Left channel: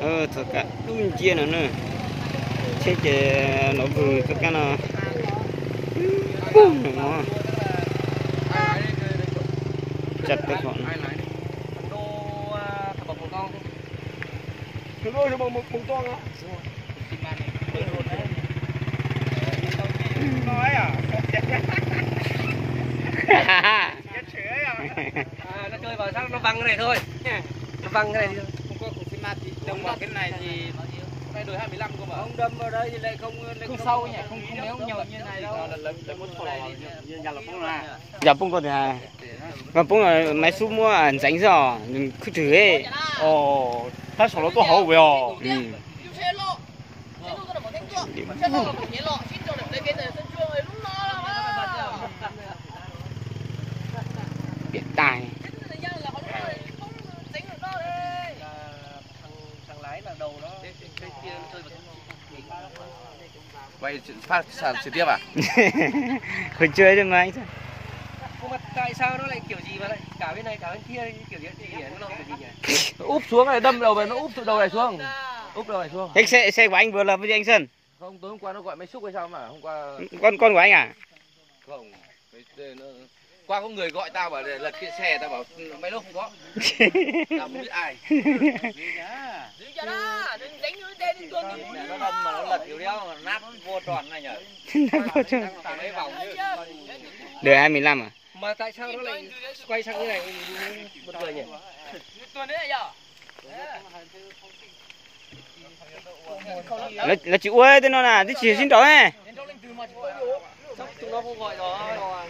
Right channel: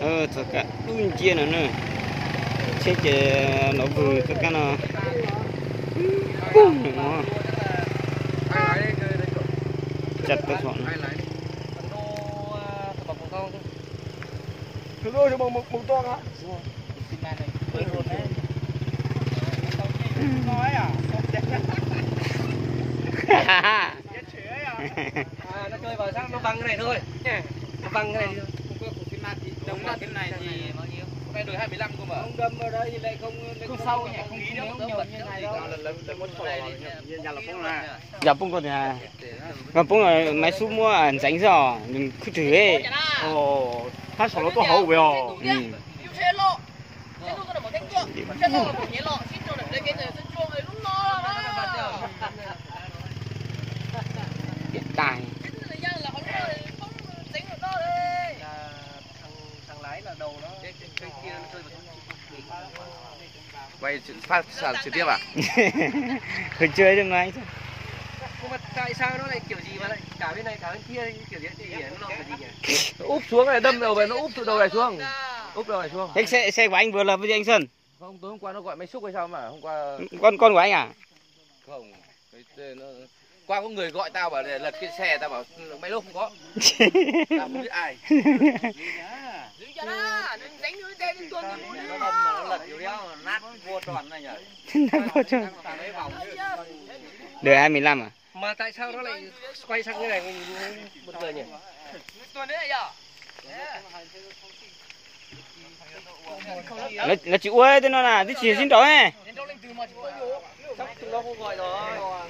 thật cả đun chia nữa chế chế nó vừa tất cả nó bùm nó chặt tất cả nó chơi vào sao nó băng cái này thôi, nó băng cái này không có cục ma thì đâm vào cái này thì bao nhiêu? cái đời 25 cơ mà. Không đâm vào đây thì lại không sâu nhỉ, không méo nhiều như này đâu. dạ bung con này mà bung là máy xúc mua ăn tránh giò nhưng cứ thử ấy它手头多好喂哦。hiện tại thằng lái là đầu nó cái kia nó rơi vào Vậy phát sản trực tiếp à? hồi chơi thôi mà anh nhưng mà tại sao nó lại kiểu gì mà lại cả bên này cả bên kia kiểu gì nó là gì nhỉ? Úp xuống này đâm đầu về nó úp từ đầu này xuống, úp đầu này xuống. cái xe của anh vừa lập với anh Sơn Không, tối hôm qua nó gọi máy xúc hay sao mà hôm qua con của anh à? không, nó qua có người gọi tao bảo để lật cái xe, tao bảo máy lốt không có. Tao không biết ai. Nó đâm mà nó lật kiểu đeo nát vô tròn này nhỉ? Nát vô tròn. Đời 25 à? Mà tại sao nó lại quay sang cái này bất ngờ nhỉ? Tuần đấy nhỉ? Là chị ơi tên nó là tí chỉ xin đó nè. Chắc chúng nó không gọi nó.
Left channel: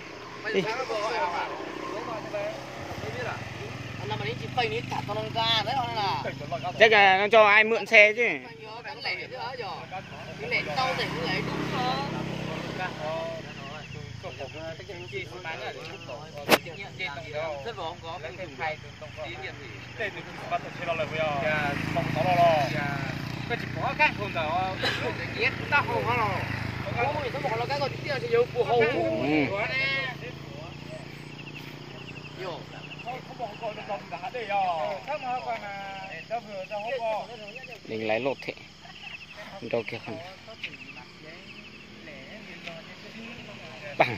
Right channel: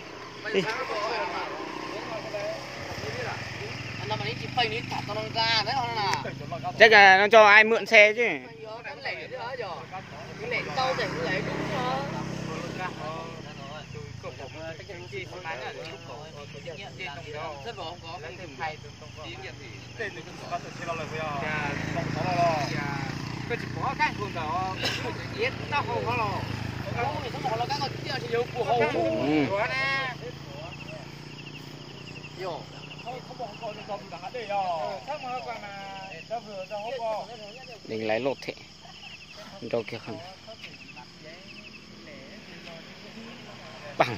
Chắc là nó cho ai mượn xe chứ. Cái chỉ có cái không có cái tao không có rồi. Nó bỏ là cái còn kia thì của hậu. Mình lấy lột thế. Đâu kia khăn. Bằng.